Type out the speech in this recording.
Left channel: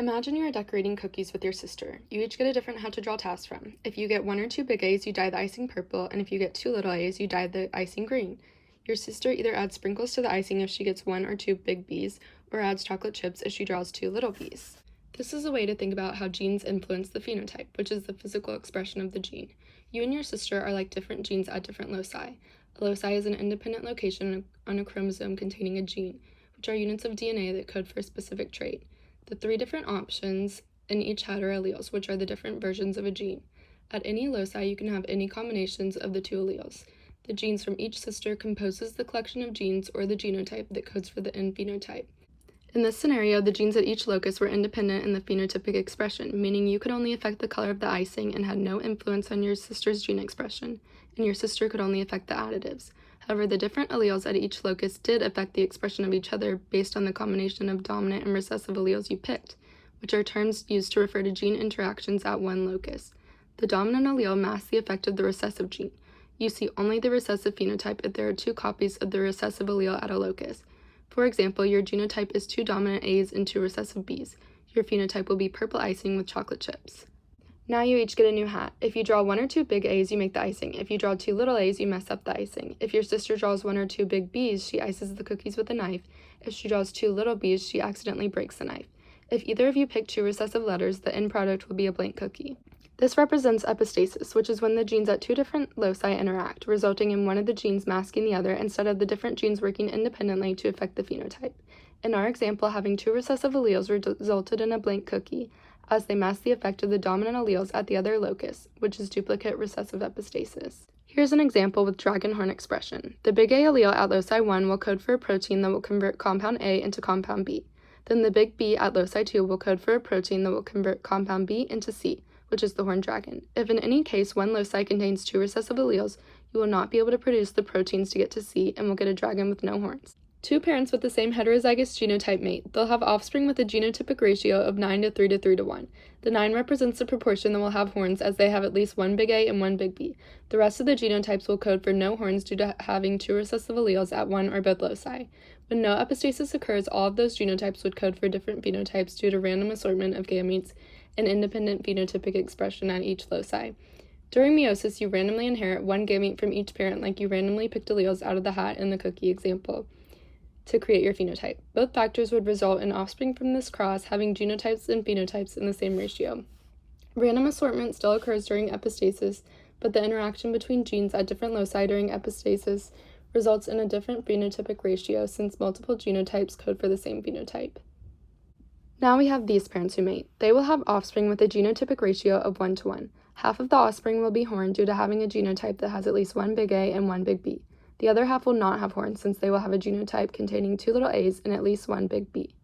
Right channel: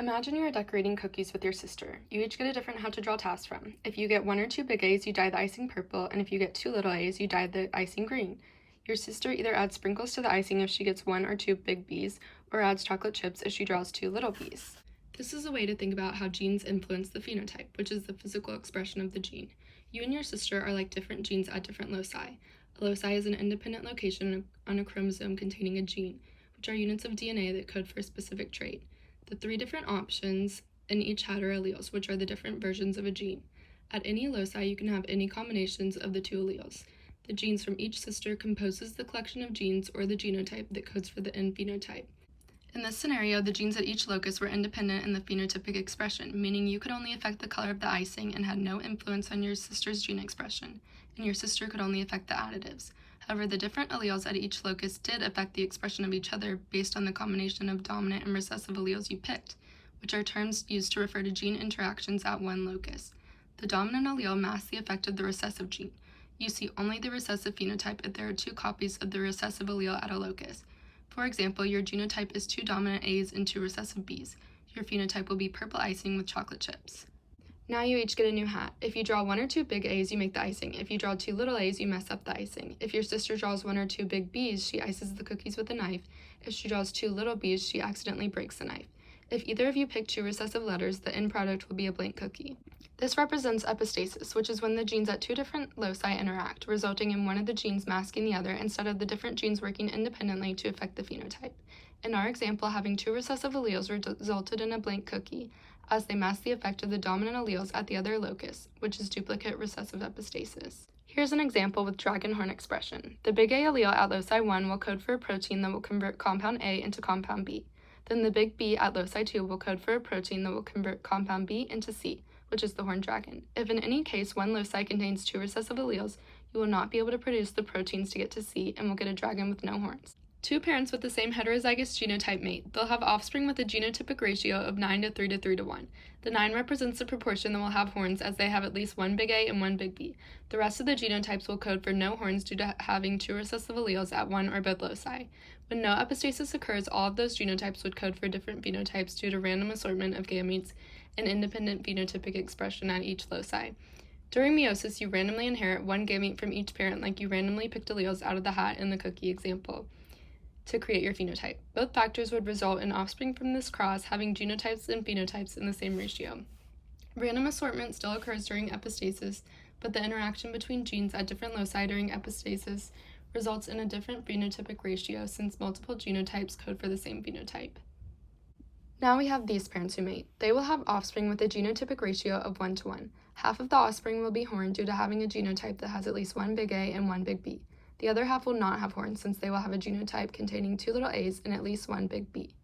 Imagine you are decorating cookies with your sister. You each get a different how to draw task from. If you get 1 or 2 big A's, you dye the icing purple, and if you get 2 little A's, you dye the icing green. Your sister either adds sprinkles to the icing if she gets 1 or 2 big B's, or adds chocolate chips if she draws 2 little B's. This is a way to think about how genes influence the phenotype, which is the physical expression of the gene. You and your sister are like different genes at different loci. A loci is an independent location on a chromosome containing a gene, which are units of DNA that code for a specific trait. The 3 different options in each hat are alleles, which are the different versions of a gene. At any loci, you can have any combinations of the 2 alleles. The genes from each sister composes the collection of genes or the genotype that codes for the end phenotype. In this scenario, the genes at each locus were independent in the phenotypic expression, meaning you could only affect the color of the icing and had no influence on your sister's gene expression, and your sister could only affect the additives. However, the different alleles at each locus did affect the expression of each other based on the combination of dominant and recessive alleles you picked, which are terms used to refer to gene interactions at one locus. The dominant allele masks the effect of the recessive gene. You see only the recessive phenotype if there are 2 copies of the recessive allele at a locus. For example, your genotype is 2 dominant A's and 2 recessive B's. Your phenotype will be purple icing with chocolate chips. Now you each get a new hat. If you draw 1 or 2 big A's, you make the icing. If you draw 2 little A's, you mess up the icing. If your sister draws 1 or 2 big B's, she ices the cookies with a knife. If she draws 2 little B's, she accidentally breaks the knife. If either of you pick 2 recessive letters, the end product will be a blank cookie. This represents epistasis, which is when the genes at 2 different loci interact, resulting in one of the genes masking the other instead of the different genes working independently to affect the phenotype. In our example, having 2 recessive alleles resulted in a blank cookie, as they mask the effect of the dominant alleles at the other locus, which is duplicate recessive epistasis. Here's an example with dragon horn expression. The big A allele at loci 1 will code for a protein that will convert compound A into compound B. Then the big B at loci 2 will code for a protein that will convert compound B into C, which is the horned dragon. If in any case one loci contains 2 recessive alleles, you will not be able to produce the proteins to get to C and will get a dragon with no horns. 2 parents with the same heterozygous genotype mate. They'll have offspring with a genotypic ratio of 9 to 3 to 3 to 1. The 9 represents the proportion that will have horns as they have at least 1 big A and 1 big B. The rest of the genotypes will code for no horns due to having 2 recessive alleles at one or both loci. When no epistasis occurs, all of those genotypes would code for different phenotypes due to random assortment of gametes and independent phenotypic expression at each loci. During meiosis, you randomly inherit 1 gamete from each parent like you randomly picked alleles out of the hat in the cookie example to create your phenotype. Both factors would result in offspring from this cross having genotypes and phenotypes in the same ratio. Random assortment still occurs during epistasis, but the interaction between genes at different loci during epistasis results in a different phenotypic ratio since multiple genotypes code for the same phenotype. Now we have these parents who mate. They will have offspring with a genotypic ratio of 1 to 1. Half of the offspring will be horned due to having a genotype that has at least 1 big A and 1 big B. The other half will not have horns since they will have a genotype containing 2 little A's and at least 1 big B.